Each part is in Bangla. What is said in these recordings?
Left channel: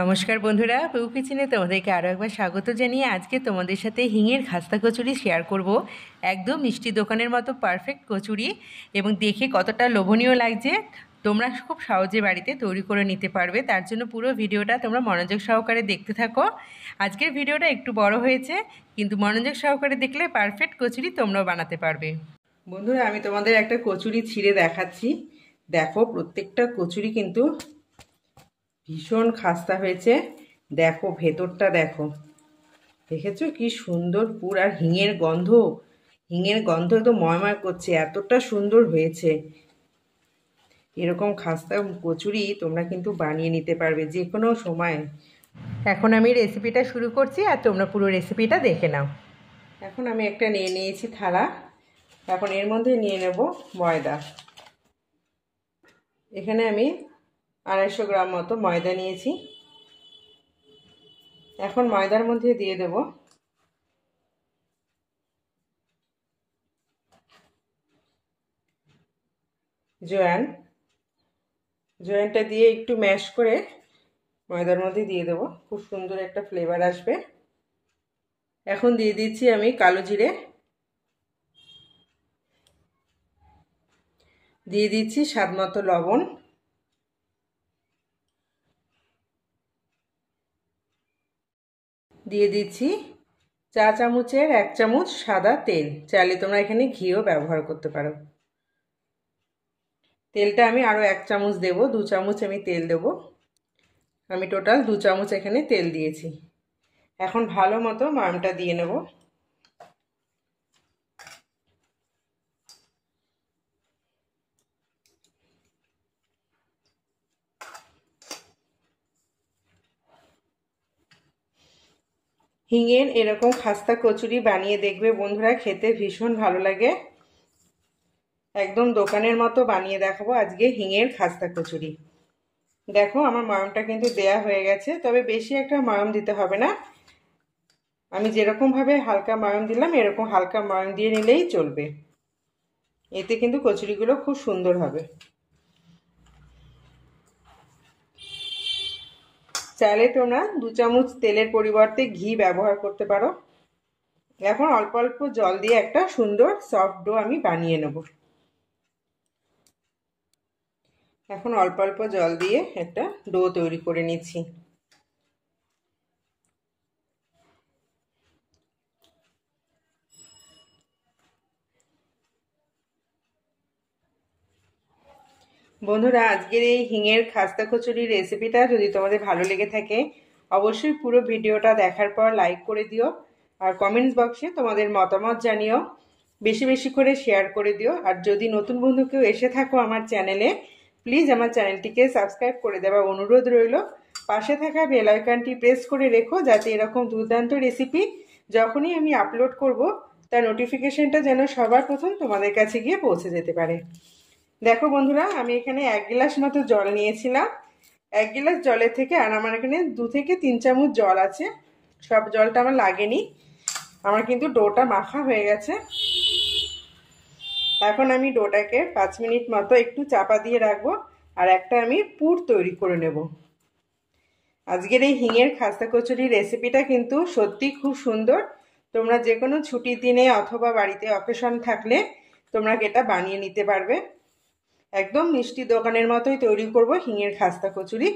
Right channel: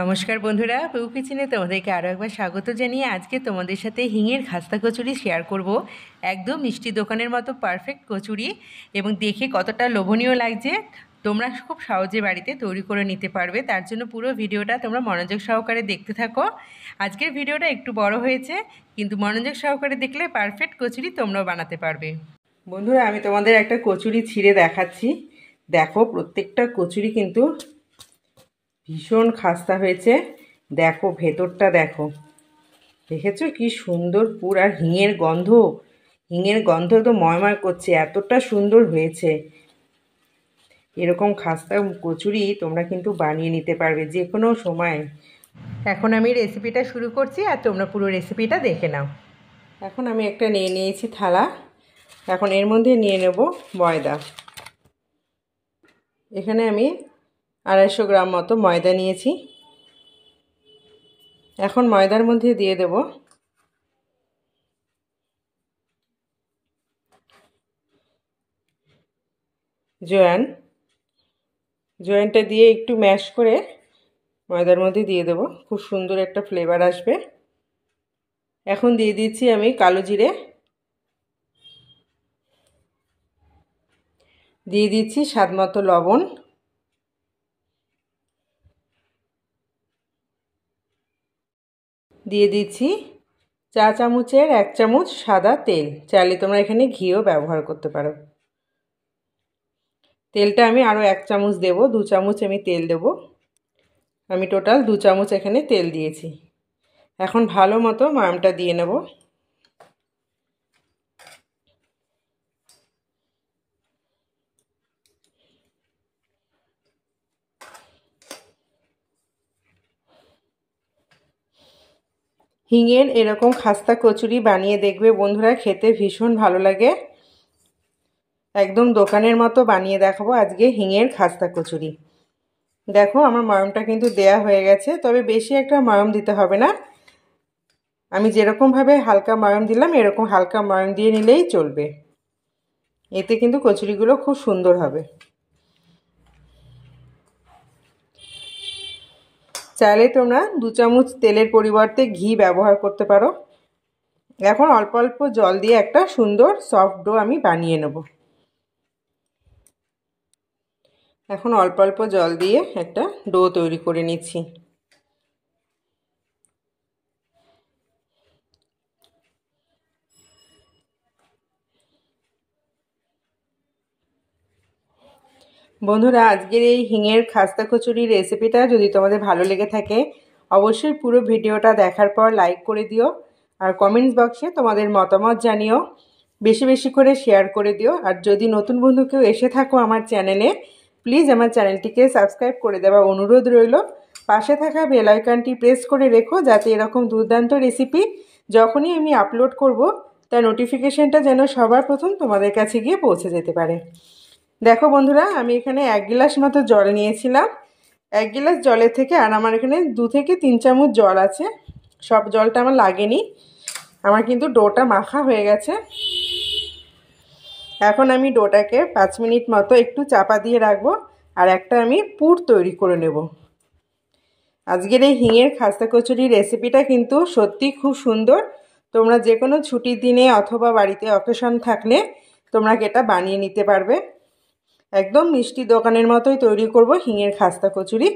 নমস্কার বন্ধুরা, পেউ কিচেনে তোমাদেরকে আরও একবার স্বাগত জানিয়ে আজকে তোমাদের সাথে হিঙের খাস্তা কচুরি শেয়ার করব। একদম মিষ্টি দোকানের মতো পারফেক্ট কচুরি এবং দেখে কতটা লোভনীয় লাগছে। তোমরা খুব সহজে বাড়িতে তৈরি করে নিতে পারবে। তার জন্য পুরো ভিডিওটা তোমরা মনোযোগ সহকারে দেখতে থাকো। আজকের ভিডিওটা একটু বড় হয়েছে, কিন্তু মনোযোগ সহকারে দেখলে পারফেক্ট কচুরি তোমরাও বানাতে পারবে। বন্ধুরা, আমি তোমাদের একটা কচুরি ছিঁড়ে দেখাচ্ছি। দেখো, প্রত্যেকটা কচুরি কিন্তু ভীষণ খাস্তা হয়েছে। দেখো ভেতরটা, দেখো, দেখেছো কি সুন্দর পুর, আর হিঙের গন্ধ একদম ময়ময় করছে, এতটা সুন্দর হয়েছে। এরকম খাস্তা কচুরি তোমরা কিন্তু বানিয়ে নিতে পারবে যে কোনো সময়। এখন আমি রেসিপিটা শুরু করছি, আর তোমরা পুরো রেসিপিটা দেখে নাও। এখন আমি একটা নিয়ে নিয়েছি থালা। এখন এর মধ্যে নিয়ে নেব ময়দা। এখানে আমি 250 গ্রাম মতো ময়দা নিয়েছি। এখন ময়দার মধ্যে দিয়ে দেব জোয়ানটা দিয়ে একটু ম্যাশ করে ময়দার মধ্যে দিয়ে দেব, খুব সুন্দর একটা ফ্লেভার আসবে। এখন দিয়ে দিচ্ছি আমি কালো জিরে, দিয়ে দিচ্ছি স্বাদ মতো লবণ, দিয়ে দিচ্ছি চা চামচের 1 চামচ সাদা তেল। চাইলে তোমরা এখানে ঘিও ব্যবহার করতে পারো। তেলটা আমি আরও 1 চামচ দেব, 2 চামচ আমি তেল দেব। আমি টোটাল 2 চামচ এখানে তেল দিয়েছি। এখন ভালো মতো ময়ামটা দিয়ে নেব। হিঙের এরকম খাস্তা কচুরি বানিয়ে দেখবে বন্ধুরা, খেতে ভীষণ ভালো লাগে। একদম দোকানের মতো বানিয়ে দেখাবো আজকে হিঙের খাস্তা কচুরি। দেখো আমার ময়ামটা কিন্তু দেয়া হয়ে গেছে, তবে বেশি একটা ময়াম দিতে হবে না। আমি যেরকমভাবে হালকা ময়াম দিলাম এরকম হালকা ময়াম দিয়ে নিলেই চলবে। এতে কিন্তু কচুরিগুলো খুব সুন্দর হবে। চাইলে তোমরা 2 চামচ তেলের পরিবর্তে ঘি ব্যবহার করতে পারো। এখন অল্প অল্প জল দিয়ে একটা সুন্দর সফট ডো আমি বানিয়ে নেব। এখন অল্প অল্প জল দিয়ে একটা ডো তৈরি করে নিচ্ছি। বন্ধুরা, আজকের এই হিঙের খাস্তা কচুরির রেসিপিটা যদি তোমাদের ভালো লেগে থাকে অবশ্যই পুরো ভিডিওটা দেখার পর লাইক করে দিও, আর কমেন্টস বক্সে তোমাদের মতামত জানিও। বেশি বেশি করে শেয়ার করে দিও। আর যদি নতুন বন্ধু কেউ এসে থাকো আমার চ্যানেলে, প্লিজ আমার চ্যানেলটিকে সাবস্ক্রাইব করে দেওয়ার অনুরোধ রইল। পাশে থাকা বেল আইকনটি প্রেস করে রেখো, যাতে এরকম দুর্দান্ত রেসিপি যখনই আমি আপলোড করব তার নোটিফিকেশনটা যেন সবার প্রথম তোমাদের কাছে গিয়ে পৌঁছে যেতে পারে। দেখো বন্ধুরা, আমি এখানে 1 গ্লাস মতো জল নিয়েছিলাম। 1 গ্লাস জলের থেকে আর আমার এখানে 2 থেকে 3 চামচ জল আছে। সব জলটা আমার লাগেনি। আমার কিন্তু ডোটা মাখা হয়ে গেছে। এখন আমি ডোটাকে 5 মিনিট মতো একটু চাপা দিয়ে রাখবো, আর একটা আমি পুর তৈরি করে নেব। আজকের এই হিঙের খাস্তা কচুরির রেসিপিটা কিন্তু সত্যি খুব সুন্দর। তোমরা যে কোনো ছুটির দিনে অথবা বাড়িতে অকেশন থাকলে তোমরা এটা বানিয়ে নিতে পারবে। একদম মিষ্টি দোকানের মতোই তৈরি করব হিঙের খাস্তা কচুরি।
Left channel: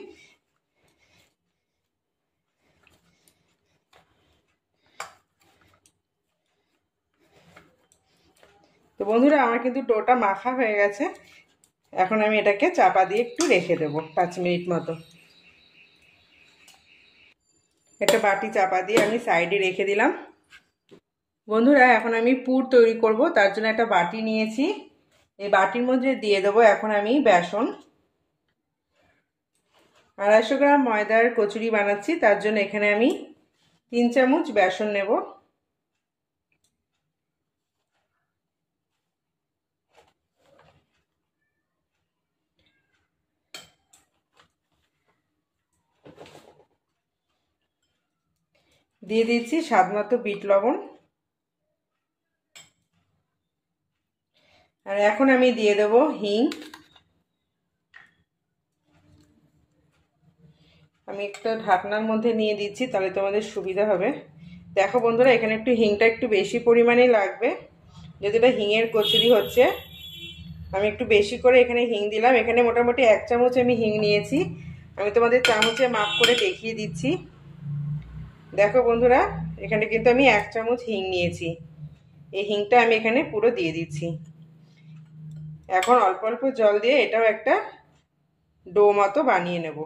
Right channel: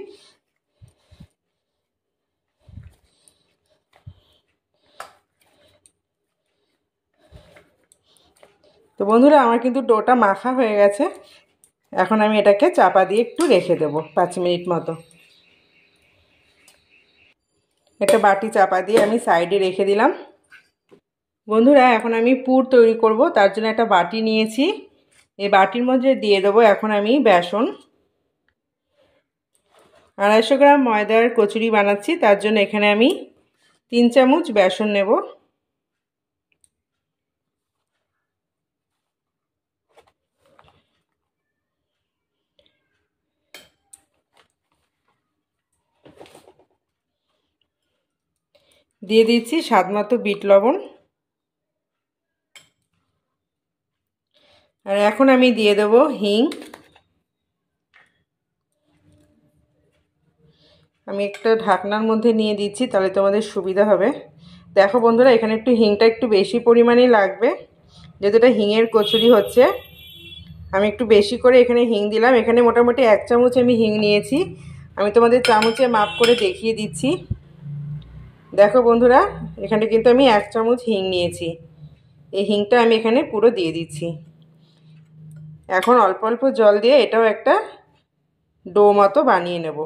তো বন্ধুরা, আমার কিন্তু ডোটা মাখা হয়ে গেছে। এখন আমি এটাকে চাপা দিয়ে একটু রেখে দেব 5 মিনিট মতো। একটা বাটি চাপা দিয়ে আমি সাইডে রেখে দিলাম। বন্ধুরা, এখন আমি পুর তৈরি করব, তার জন্য একটা বাটি নিয়েছি। এই বাটির মধ্যে দিয়ে দেবো এখন আমি বেসন। 250 গ্রাম ময়দার কচুরি বানাচ্ছি, তার জন্য এখানে আমি 3 চামচ বেসন নেব। দিয়ে দিচ্ছি স্বাদ মতো বিট লবণ। আর এখন আমি দিয়ে দেব হিং। আমি একটা ঢাকনার মধ্যে নিয়ে দিচ্ছি, তাহলে তোমাদের সুবিধা হবে। দেখো বন্ধুরা, এখানে একটু হিংটা একটু বেশি পরিমাণেই লাগবে, যেহেতু এটা হিঙের কচুরি হচ্ছে। আমি একটু বেশি করে এখানে হিং দিলাম। এখানে মোটামুটি 1 চামচ আমি হিং নিয়েছি। আমি তোমাদের চামচে মাপ করে দেখিয়ে দিচ্ছি। দেখো বন্ধুরা, এখানে কিন্তু আমি 1 চামচ হিং নিয়েছি। এই হিংটা আমি এখানে পুরো দিয়ে দিচ্ছি। এখন অল্প অল্প জল দিয়ে এটাও একটা ডো মতো বানিয়ে নেব।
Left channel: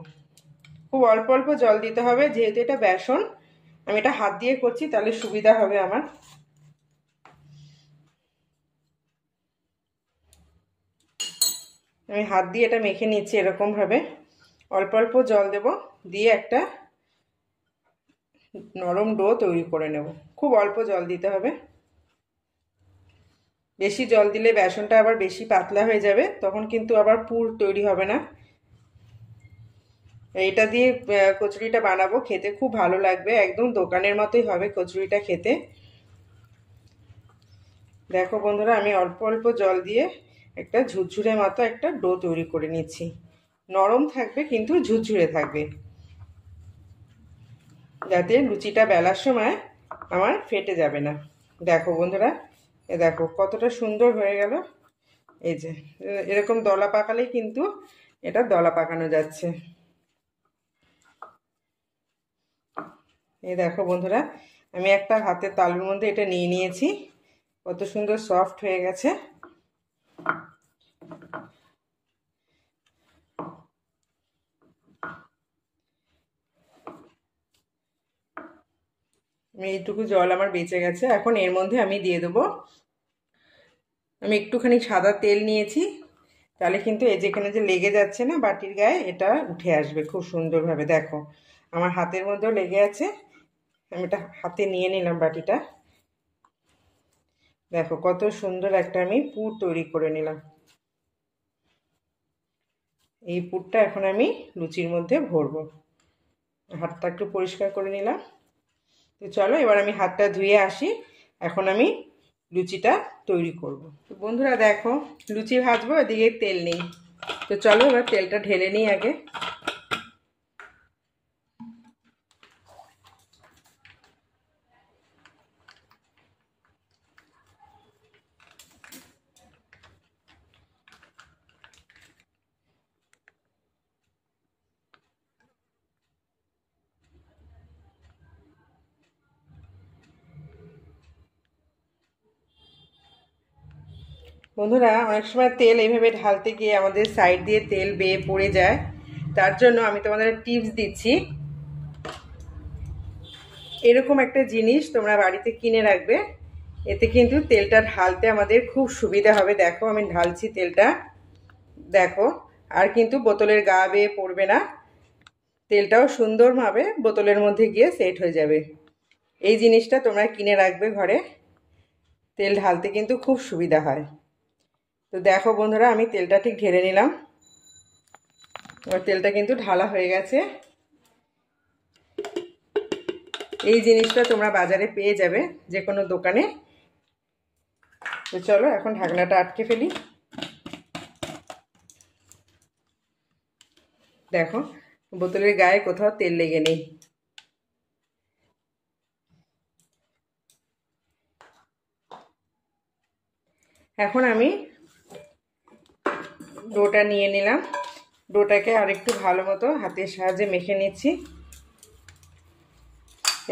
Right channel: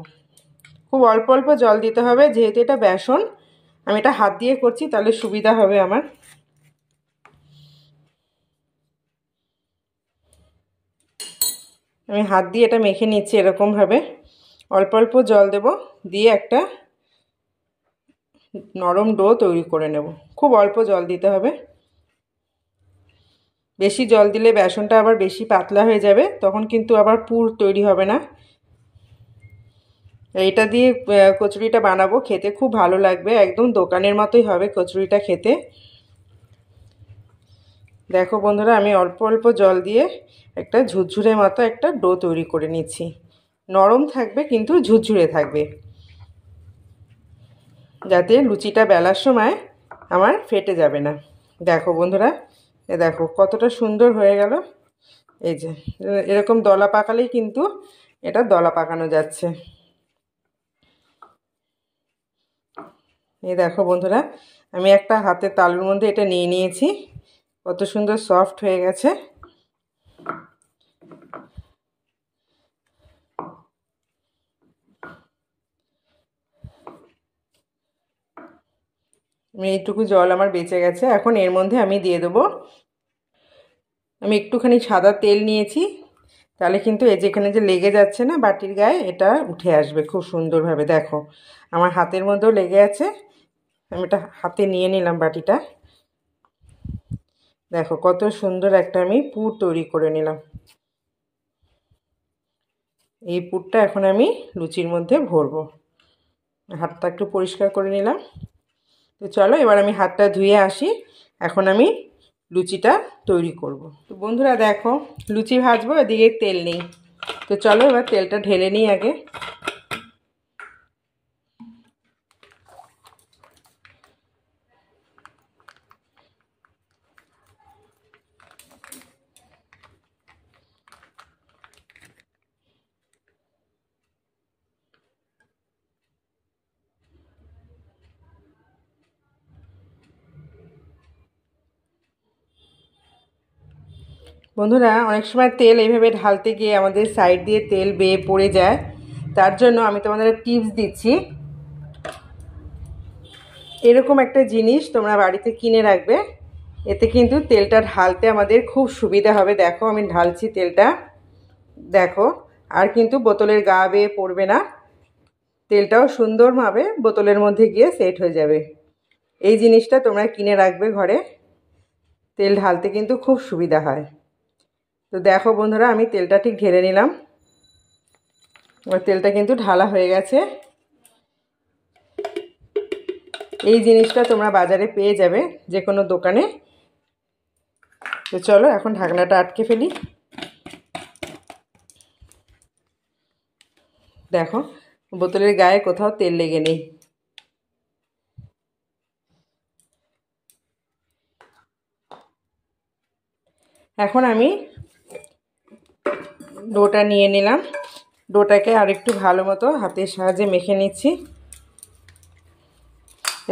খুব অল্প অল্প জল দিতে হবে, যেহেতু এটা বেসন। আমি এটা হাত দিয়ে করছি, তাহলে সুবিধা হবে আমার। আমি হাত দিয়ে এটা মেখে নিচ্ছি এরকমভাবে। অল্প অল্প জল দেব, দিয়ে একটা নরম ডো তৈরি করে নেব। খুব অল্প জল দিতে হবে। বেশি জল দিলে বেসনটা আবার বেশি পাতলা হয়ে যাবে, তখন কিন্তু আবার পুর তৈরি হবে না। এটা দিয়ে কচুরিটা বানাবো, খেতে খুব ভালো লাগবে, একদম দোকানের মতোই হবে কচুরিটা খেতে। দেখো বন্ধুরা, আমি অল্প অল্প জল দিয়ে একটা ঝুরঝুরে মতো একটা ডো তৈরি করে নিচ্ছি। নরম থাকবে কিন্তু ঝুরঝুরে থাকবে, যাতে লুচিটা বেলার সময় আমার ফেটে যাবে না। দেখো বন্ধুরা, এ দেখো কতটা সুন্দর হয়ে গেল। এই যে এরকম দলা পাকালেই কিন্তু এটা দলা পাকানো যাচ্ছে। এই দেখো বন্ধুরা, আমি একটা হাতের তালুর মধ্যে এটা নিয়ে নিয়েছি। কত সুন্দর সফট হয়ে গেছে। এইটুকু জল আমার বেঁচে গেছে। এখন এর মধ্যে আমি দিয়ে দেবো, আমি একটুখানি সাদা তেল নিয়েছি, তাহলে কিন্তু এই যেখানে যে লেগে যাচ্ছে না বাটির গায়ে, এটা উঠে আসবে খুব সুন্দরভাবে। দেখো আমার হাতের মধ্যেও লেগে আছে। আমি এটা হাতে নিয়ে নিলাম বাটিটা। দেখো কত সুন্দর একটা আমি পুর তৈরি করে নিলাম। এই পুরটা এখন আমি লুচির মধ্যে ভরবো। হাতটা একটু পরিষ্কার করে নিলাম। তো চলো এবার আমি হাতটা ধুয়ে আসি। এখন আমি লুচিটা তৈরি করব। তো বন্ধুরা দেখো, লুচি ভাজবো, এদিকে তেল নেই। তো চলো এবার তেলটা ঢেলে নিই আগে। বন্ধুরা, অনেক সময় তেল এইভাবে ঢালতে গিয়ে আমাদের সাইড দিয়ে তেল বেয়ে পড়ে যায়। তার জন্য আমি তোমাদের টিপস দিচ্ছি। এরকম একটা জিনিস তোমরা বাড়িতে কিনে রাখবে, এতে কিন্তু তেলটা ঢালতে আমাদের খুব সুবিধা হবে। দেখো আমি ঢালছি তেলটা, দেখো আর কিন্তু বোতলের গা বেয়ে পড়বে না। তেলটাও সুন্দরভাবে বোতলের মধ্যে গিয়ে সেট হয়ে যাবে। এই জিনিসটা তোমরা কিনে রাখবে ঘরে, তেল ঢালতে কিন্তু খুব সুবিধা হয়। তো দেখো বন্ধুরা, আমি তেলটা ঠিক ঢেলে নিলাম। এবার তেলটা কিন্তু ঢালা হয়ে গেছে। এই জিনিসটা তোমরা বাজারে পেয়ে যাবে যে কোনো দোকানে। তো চলো এখন ঢাকনাটা আটকে ফেলি। দেখো বোতলের গায়ে কোথাও তেল লেগে নেই। এখন আমি ডোটা নিয়ে নিলাম। ডোটাকে আরেকটু ভালো মতো হাতের সাহায্যে মেখে নিচ্ছি।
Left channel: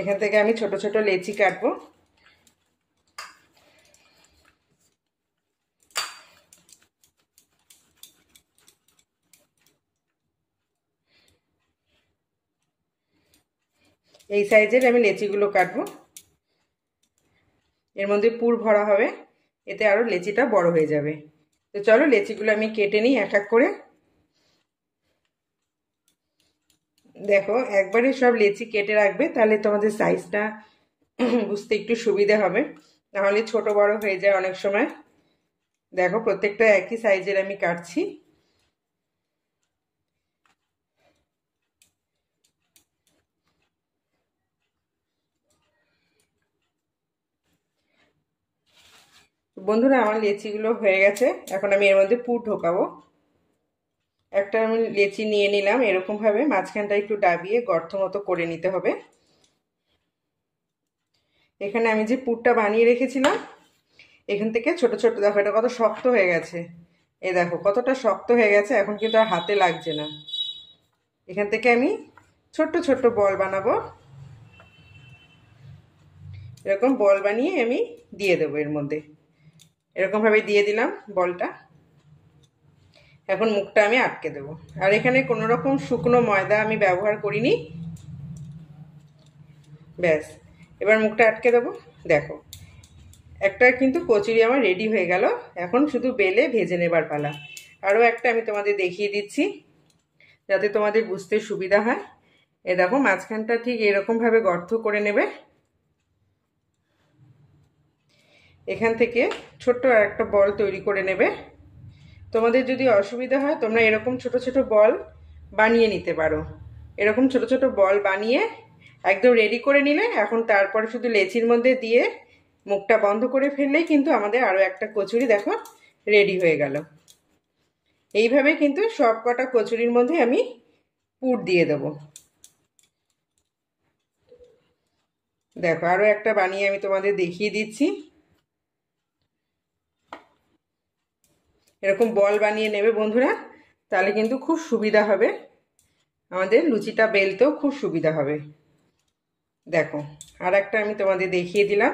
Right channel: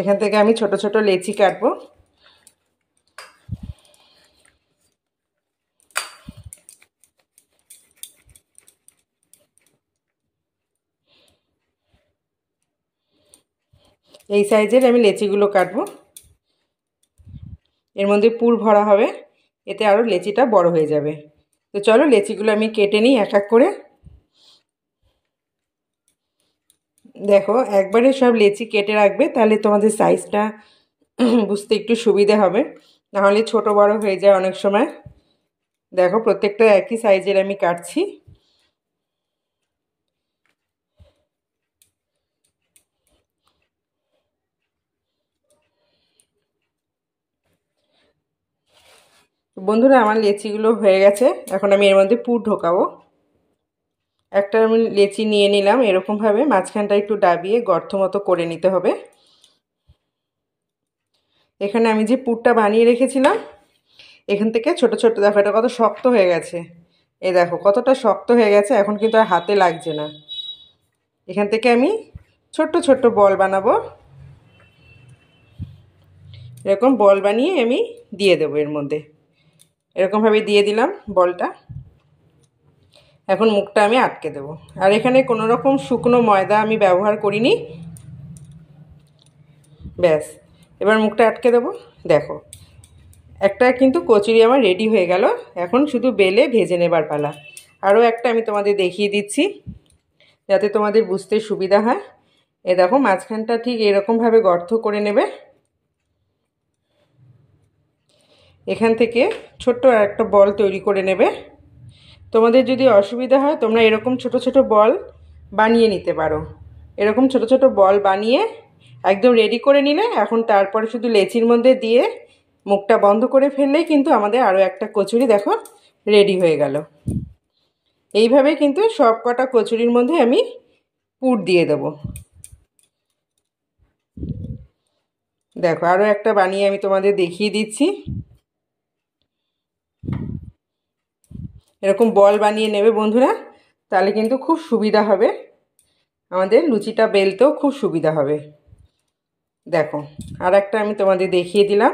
এখান থেকে আমি ছোট ছোট লেচি কাটবো। এই সাইজের আমি লেচিগুলো কাটবো। এর মধ্যে পুর ভরা হবে, এতে আরও লেচিটা বড় হয়ে যাবে। তো চলো লেচিগুলো আমি কেটে নিই এক এক করে। দেখো একবারে সব লেচি কেটে রাখবে, তাহলে তোমাদের সাইজটা বুঝতে একটু সুবিধা হবে, নাহলে ছোট বড় হয়ে যায় অনেক সময়। দেখো প্রত্যেকটা একই সাইজের আমি কাটছি। বন্ধুরা আমার লেচিগুলো হয়ে গেছে, এখন আমি এর মধ্যে পুর ঢোকাবো। একটা আমি লেচি নিয়ে নিলাম, এরকমভাবে মাঝখানটা একটু ডাবিয়ে গর্ত মতো করে নিতে হবে। এখানে আমি যে পুরটা বানিয়ে রেখেছিলাম এখান থেকে ছোট ছোট, দেখো এটা কত শক্ত হয়ে গেছে, এই দেখো কতটা শক্ত হয়ে গেছে, এখন কিন্তু আর হাতে লাগছে না। এখান থেকে আমি ছোট্ট ছোট্ট বল বানাবো, এরকম বল বানিয়ে আমি দিয়ে দেবো এর মধ্যে। এরকমভাবে দিয়ে দিলাম বলটা। এখন মুখটা আমি আটকে দেবো। আর এখানে কোনো রকম শুকনো ময়দা আমি ব্যবহার করিনি, ব্যাস। এবার মুখটা আটকে দেবো। দেখো একটা কিন্তু কচুরি আমার রেডি হয়ে গেল, এখন শুধু বেলে ভেজে নেবার পালা। আরও একটা আমি তোমাদের দেখিয়ে দিচ্ছি যাতে তোমাদের বুঝতে সুবিধা হয়। এ দেখো মাঝখানটা ঠিক এরকমভাবে গর্ত করে নেবে, এখান থেকে ছোট্ট একটা বল তৈরি করে নেবে। তোমাদের যদি অসুবিধা হয় তোমরা এরকম ছোট ছোট বল বানিয়ে নিতে পারো। এরকম ছোট ছোট বল বানিয়ে একদম রেডি করে নিলে এখন তারপরে শুধু লেচির মধ্যে দিয়ে মুখটা বন্ধ করে ফেললেই কিন্তু আমাদের আরও একটা কচুরি দেখো রেডি হয়ে গেল। এইভাবে কিন্তু সব কটা কচুরির মধ্যে আমি পুর দিয়ে দেবো। দেখো আরও একটা বানিয়ে আমি তোমাদের দেখিয়ে দিচ্ছি। এরকম বল বানিয়ে নেবে বন্ধুরা, তাহলে কিন্তু খুব সুবিধা হবে, আমাদের লুচিটা বেলতেও খুব সুবিধা হবে। দেখো আর একটা আমি তোমাদের দেখিয়ে দিলাম।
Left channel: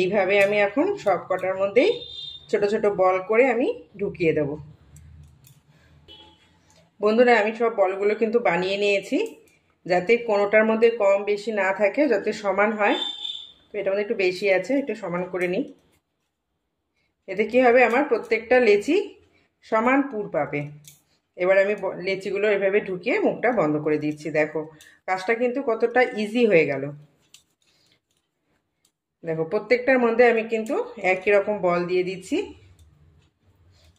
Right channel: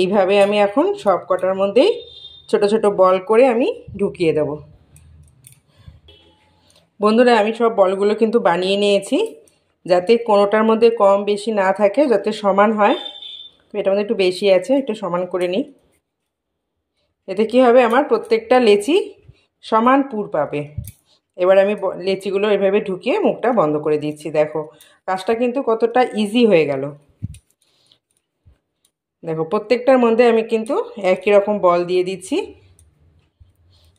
এইভাবে আমি এখন সব কটার মধ্যেই ছোট ছোট বল করে আমি ঢুকিয়ে দেব। বন্ধুরা আমি সব বলগুলো কিন্তু বানিয়ে নিয়েছি, যাতে কোনোটার মধ্যে কম বেশি না থাকে, যাতে সমান হয়। তো এটার মধ্যে একটু বেশি আছে, একটু সমান করে নিই। এতে কী হবে, আমার প্রত্যেকটা লেচি সমান পুর পাবে। এবার আমি লেচিগুলো এভাবে ঢুকিয়ে মুখটা বন্ধ করে দিচ্ছি। দেখো কাজটা কিন্তু কতটা ইজি হয়ে গেল। দেখো প্রত্যেকটার মধ্যে আমি কিন্তু একই রকম বল দিয়ে দিচ্ছি,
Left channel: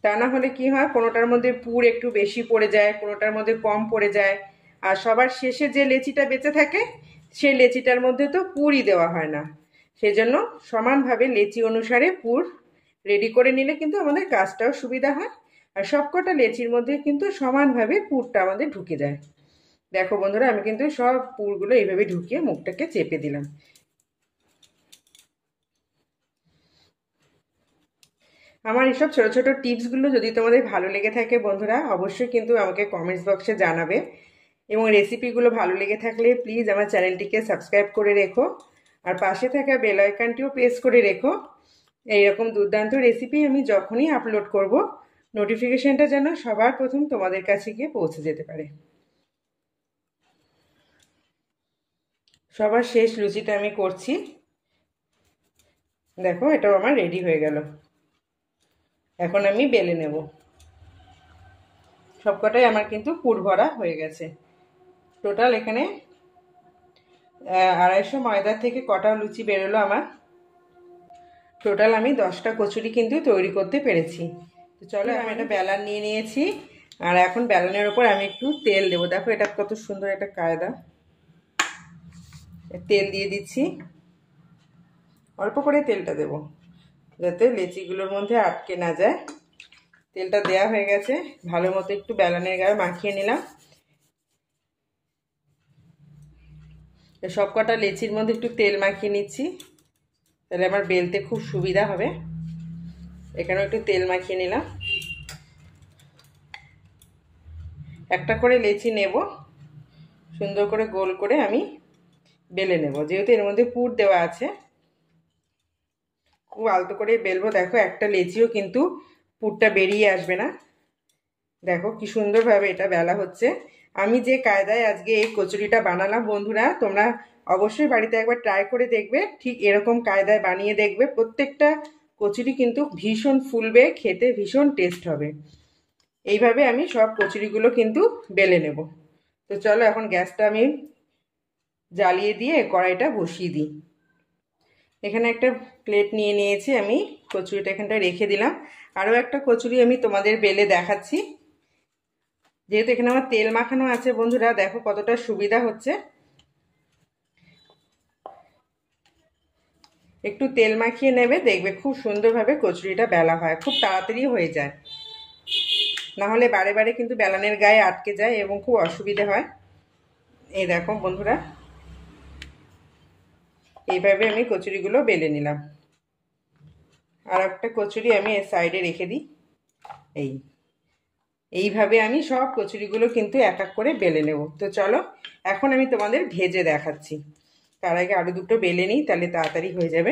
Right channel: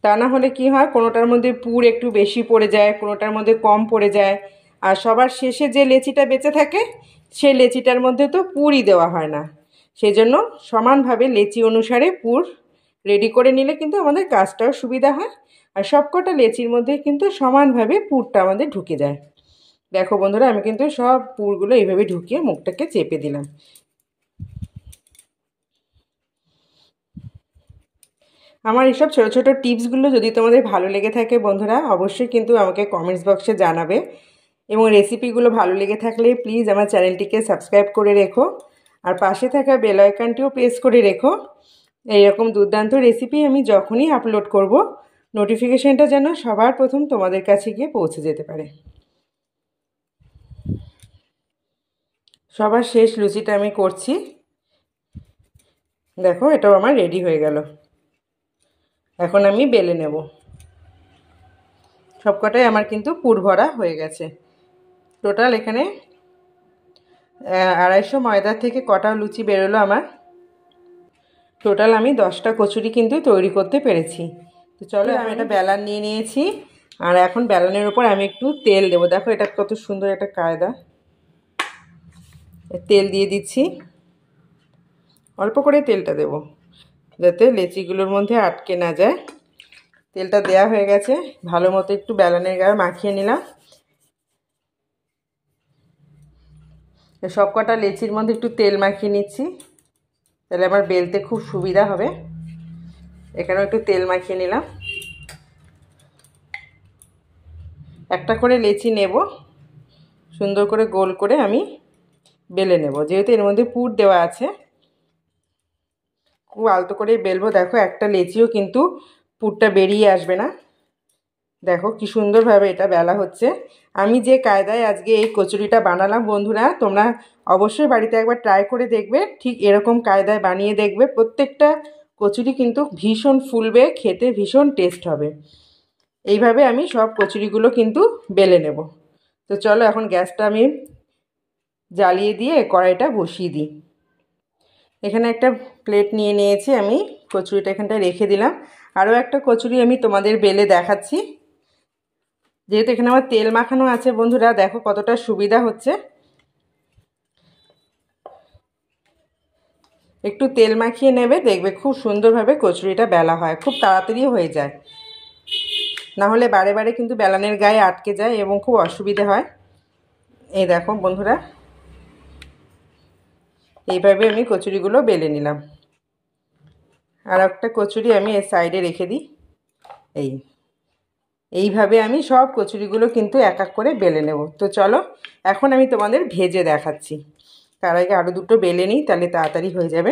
তা না হলে কি হয়, কোনোটার মধ্যে পুর একটু বেশি পড়ে যায়, কোনোটার মধ্যে কম পড়ে যায়, আর সবার শেষে যে লেচিটা বেঁচে থাকে সেই লেচিটার মধ্যে তো পুরই দেওয়া হয় না। সেজন্য সমানভাবে লেচি অনুসারে পুর রেডি করে নিলে কিন্তু আমাদের কাজটাও সুবিধা হয়, আর সবকটা লেচির মধ্যে কিন্তু সমানভাবে পুরটা আমাদের ঢুকে যায়। দেখো বন্ধুরা আমি কিন্তু সব পুরগুলো এইভাবে ঢুকিয়ে মুখটাকে চেপে দিলাম। আমার এসব ছোটো ছোটো টিপসগুলো যদি তোমাদের ভালো লেগে থাকে বন্ধুরা, অবশ্যই কিন্তু আমাকে কমেন্টস বক্সে জানাবে, এবং রেসিপিগুলো ভালো লেগে থাকলে প্লিজ আমার চ্যানেলটিকে সাবস্ক্রাইব করে রেখো, আর পাশে থাকা বেল আইকনটিও প্রেস করে রেখো। এইরকম দুর্দান্ত রেসিপি আমি যখনই আপলোড করব নোটিফিকেশানটা যেন সবার প্রথম তোমাদের কাছে গিয়ে পৌঁছে যেতে পারে। সবার শেষ লুচিটা আমি করছি। দেখো এটাও আমার রেডি হয়ে গেল, এখন আমি বেলে নেব। সবকটাই আমার কিন্তু পুর ভরা হয়ে গেছে। টোটাল এখানে 250 ময়দা থেকে কটা লুচি বেরোলো আমার। টোটাল আমি 10টা কচুরি কিন্তু তৈরি করতে পেরেছি। তো চলো আমি একটা বেলান নিয়ে নিয়েছি, আর এখন বেলানের ওপর আমি একটু তেল দেবো। দেখো এটা কত সুন্দর একটা কায়দা। তেল দিয়ে দিচ্ছি, অল্প করে তেলটা দেব যাতে লেচিগুলোর মধ্যে আটকে না যায়। তেলটা দেয়া হয়ে গেছে, ভালো মতো একটু বেলানের গায়ে মাখিয়ে নিলাম। সব কটা লেচির মধ্যে একটু তেল মাখিয়ে নিচ্ছি, তাহলে আমার বেলতে খুব সুবিধা হবে। এখানেও একটু তেল মাখিয়ে নিলাম। একটা করে লেচি নেব, সুন্দর করে গোল করে আমি বেলে নেব, যেহেতু এর মধ্যে পুর দেওয়া আছে। খুব আলতো করে বেলবো। দেখো একটা লেচিও কিন্তু পুরটা বেরিয়ে আসবে না। দেখো কি সুন্দরভাবে এটা বেলা হচ্ছে। আমি যে কায়দায় আজকে এই কচুরিটা বানালাম বন্ধুরা, তোমরা অবশ্যই বাড়িতে একবার ট্রাই করে দেখবে, ঠিক এরকম কায়দায় বানিয়ে দেখবে। প্রত্যেকটা কচুরি কিন্তু ভীষণ ফুলবে, খেতে ভীষণ টেস্ট হবে। এইভাবে আমি সব কচুরিগুলো কিন্তু বেলে নেব। তো চলো এখন গ্যাসটা আমি জ্বালিয়ে দিয়ে কড়াইটা বসিয়ে দিই। এখানে একটা প্লেট নিয়ে নিয়েছি আমি, কচুরিটা এখানটায় রেখে দিলাম। আরও একটা কচুরি আমি তোমাদের বেলে দেখাচ্ছি। যেহেতু এখানে আমার তেল মাখানো আছে বন্ধুরা, দেখো কতটা সুবিধা হচ্ছে। একটু তেল মাখিয়ে নেবে, দেখবে খুব সুন্দরভাবে কচুরিটা বেলা হয়, খুব তাড়াতাড়ি হয়ে যায়। না হলে বারে বারে কিন্তু বেলানের গায়ে আটকে যায় এবং খুব অসুবিধে হয়। এই দেখো বন্ধুরা, এইভাবে আমি কচুরিগুলো বেলে নিলাম। আর একটা কচুরি আমি এর সাইডে রেখে দিই। এইভাবে আমি সব কচুরিগুলো কিন্তু এক এক করে বেলে নেব। তো চলো এখন আমি তোমাদের ভেজে দেখাচ্ছি। তার আগে আরও দুটো বেলে নিই, তাহলে তাড়াতাড়ি হয়ে যাবে।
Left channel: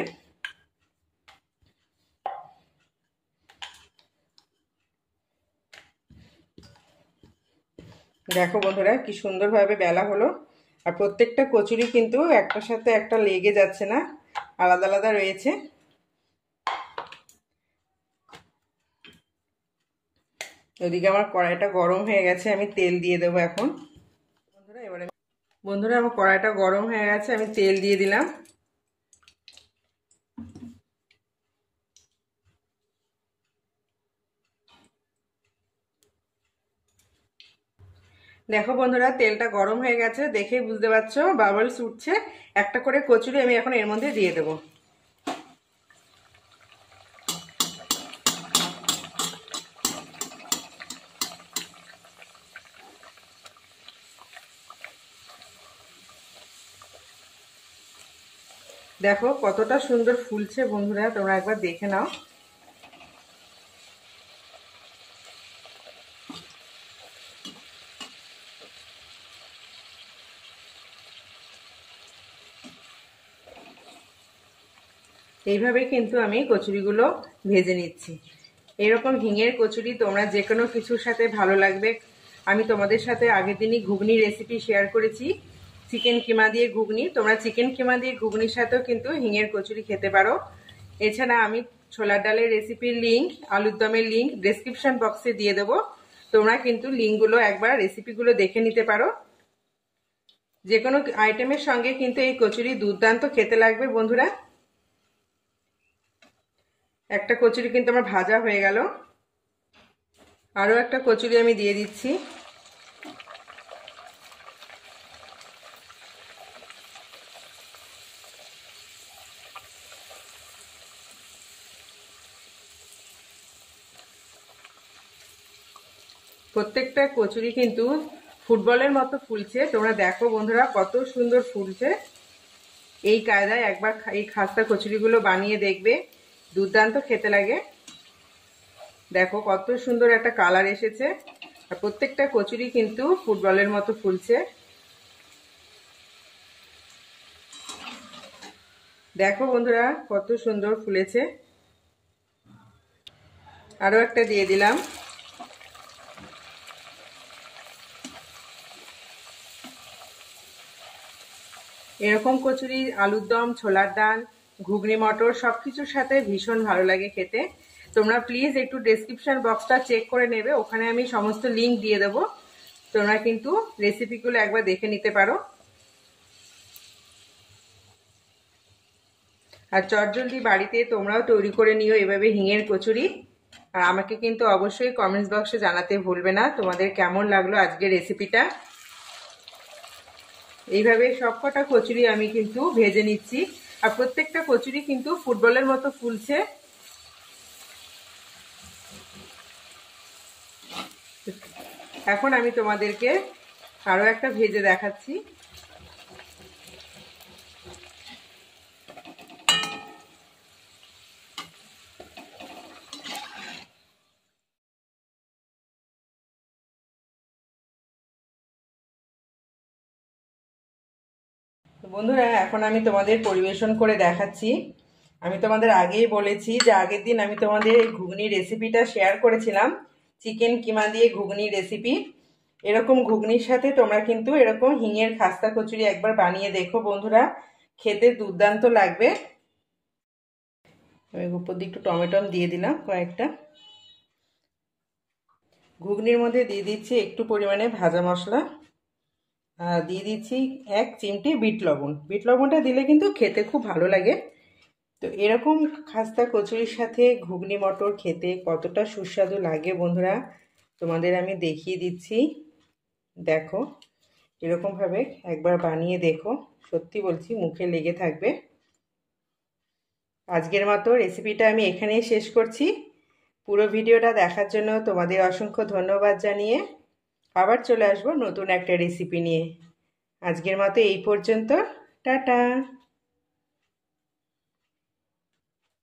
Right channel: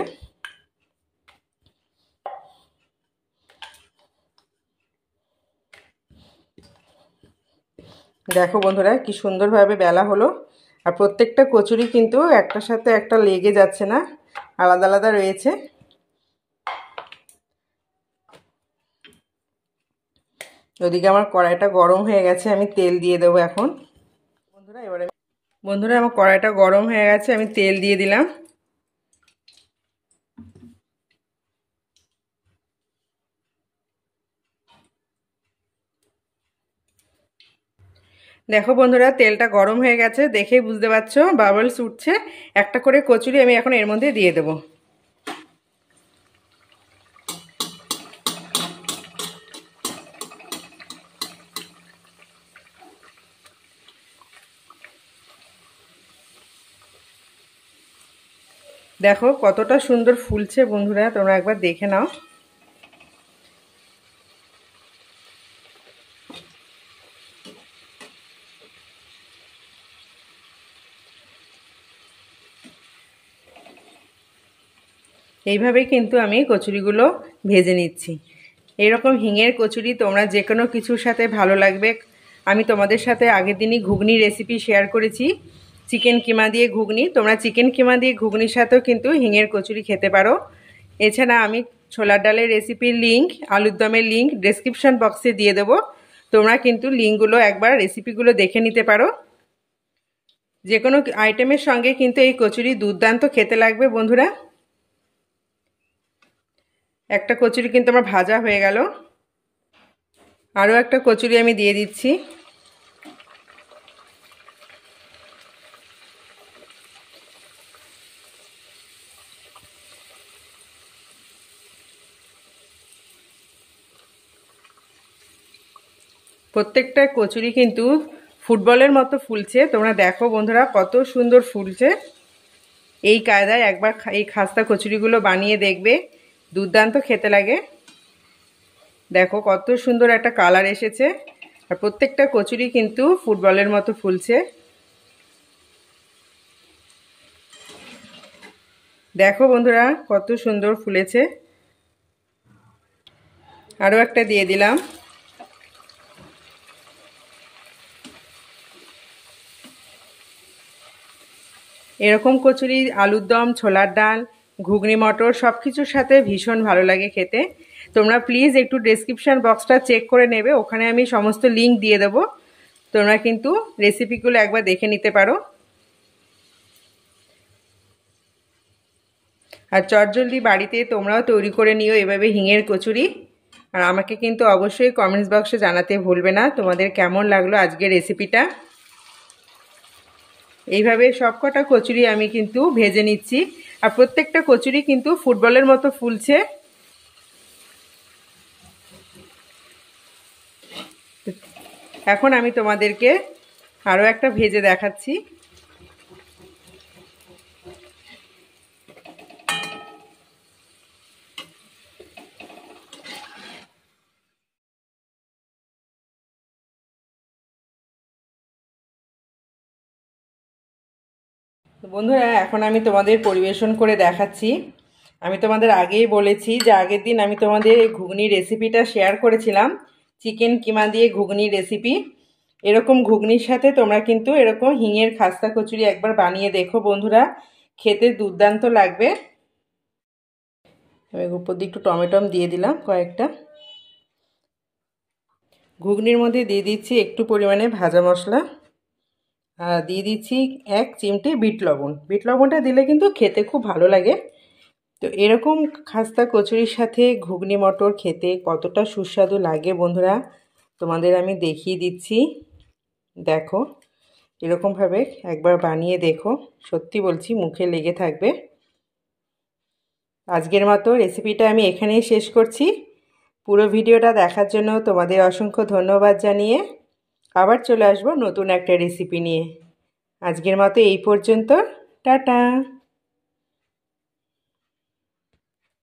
দেখো বন্ধুরা কি সুন্দরভাবে বেলা হলো। আর প্রত্যেকটা কচুরি কিন্তু একটার সাথে একটা লেগে যাচ্ছে না, আলাদা আলাদা রয়েছে। ওদিকে আমার কড়াইটা গরম হয়ে গেছে, আমি তেল দিয়ে দেবো এখন। বন্ধুরা আমার কড়াইটা গরম হয়ে গেছে, আমি তেল দিয়ে দিলাম। দেখো বন্ধুরা তেলটা গরম হয়ে গেছে, দেখেই বুঝতে পারছো বাবলস উঠছে। একটা করে কচুরি আমি এখন এর মধ্যে দিয়ে দেবো। দেখো কতটা সুন্দর ফুলছে বন্ধুরা, তোমরা একবার দেখে নাও। এইভাবে কিন্তু আমি কচুরিগুলো ভেজে নিচ্ছি। এরকম হিঙের কচুরি তোমরা যে কোনো কিছুর সাথে ভালো লাগবে। আমি তোমাদের সাথে আগের দিনই ঘুগনি রেসিপি শেয়ার করেছি, চিকেন কিমা দিয়ে ঘুগনি। তোমরা চিকেন কিমা দিয়ে ঘুগনির সাথেও কিন্তু হিঙের কচুরি খেতে পারো। এছাড়া আমি ছোলার ডালের রেসিপির লিঙ্ক, আলুর দমের লিঙ্ক ডেসক্রিপশন বক্সে দিয়ে দেবো। তোমরা কিন্তু লিঙ্কগুলো একবার রেসিপিগুলো দেখে নিতে পারো। যে কোনো আইটেমের সঙ্গে কিন্তু এই কচুরি দুর্দান্ত খেতে লাগবে বন্ধুরা। একটা কচুরি কিন্তু আমার ভাজা হয়ে গেল, আরও একটা কচুরি আমি দিয়ে দিচ্ছি। প্রত্যেকটা কচুরি কিন্তু ফুটবলের মতো ফুলছে। তোমরা দেখো বন্ধুরা কত সুন্দর ফুলছে। এই কায়দায় একবার এই খাস্তা কচুরিগুলো বানিয়ে দেখবে, দুর্দান্ত খেতে লাগে। দেখো কত সুন্দর একটা কালার এসেছে, আর প্রত্যেকটা কচুরি কিন্তু ফুটবলের মতো ফুলছে। দেখো বন্ধুরা কত সুন্দর ফুলেছে। আরও একটা দিয়ে দিলাম। এরকম কচুরি আলুর দম, ছোলার ডাল, ঘুগনি মটর সব কিছুর সাথে ভীষণ ভালো লাগে খেতে। তোমরা প্লিজ একটু ডেসক্রিপশন বক্সটা চেক করে নেবে, ওখানে আমি সমস্ত লিঙ্ক দিয়ে দেবো। তোমরা কিন্তু রেসিপিগুলো একবার দেখে নিতে পারো। আর চটজলদি বাড়িতে তোমরাও তৈরি করে নিও এভাবে হিঙের কচুরি। আর আমাকে কিন্তু অবশ্যই কমেন্টস বক্সে জানাতে ভুলবে না তোমাদের কেমন লাগলো আজকের রেসিপিটা। এইভাবে সবকটা কচুরি আমি কিন্তু ভেজে নিচ্ছি, আর প্রত্যেকটা কচুরি কিন্তু ফুটবলের মতো ফুলছে। এখন আমি তোমাদেরকে আরও একটা ভেজে দেখাচ্ছি। বন্ধুরা এখন আমি তোমাদের পরিবেশন করে দেখাচ্ছি। আমি তোমাদের আগেই বলেছি যে আগের দিন আমি তোমাদের এই ঘুগনির রেসিপিটা শেয়ার করেছিলাম, চিকেন কিমা দিয়ে ঘুগনির রেসিপি। এরকম ঘুগনির সাথে তোমরা কিন্তু এরকম হিঙের খাস্তা কচুরি একবার বানিয়ে দেখো বন্ধুরা, খেতে দুর্দান্ত লাগবে। আমি উপর দিয়ে একটু টমেটো দিয়ে দিলাম কয়েকটা। ঘুগনির মধ্যে দিয়ে দিচ্ছি একটু পরিমাণে ভাজা মশলা, আর দিয়ে দিচ্ছি 1 চিমটি বিট লবণ। বিট লবণটা দিলে কিন্তু খেতে খুব ভালো লাগে। তো এরকম খাস্তা কচুরির সাথে ঘুগনি মটর খেতে কতটা সুস্বাদু লাগে বন্ধুরা, তোমাদের আমি দেখিয়ে দিচ্ছি। দেখো এরকমভাবে একবার বানিয়ে দেখো, সত্যি বলছি মুখে লেগে থাকবে। আজকের মতো রেসিপিটা আমি এখানেই শেষ করছি। পুরো ভিডিওটা দেখার জন্য তোমাদের অসংখ্য ধন্যবাদ জানিয়ে আবার চলে আসবো নতুন একটা রেসিপি নিয়ে। আজকের মতো এই পর্যন্ত। টাটা।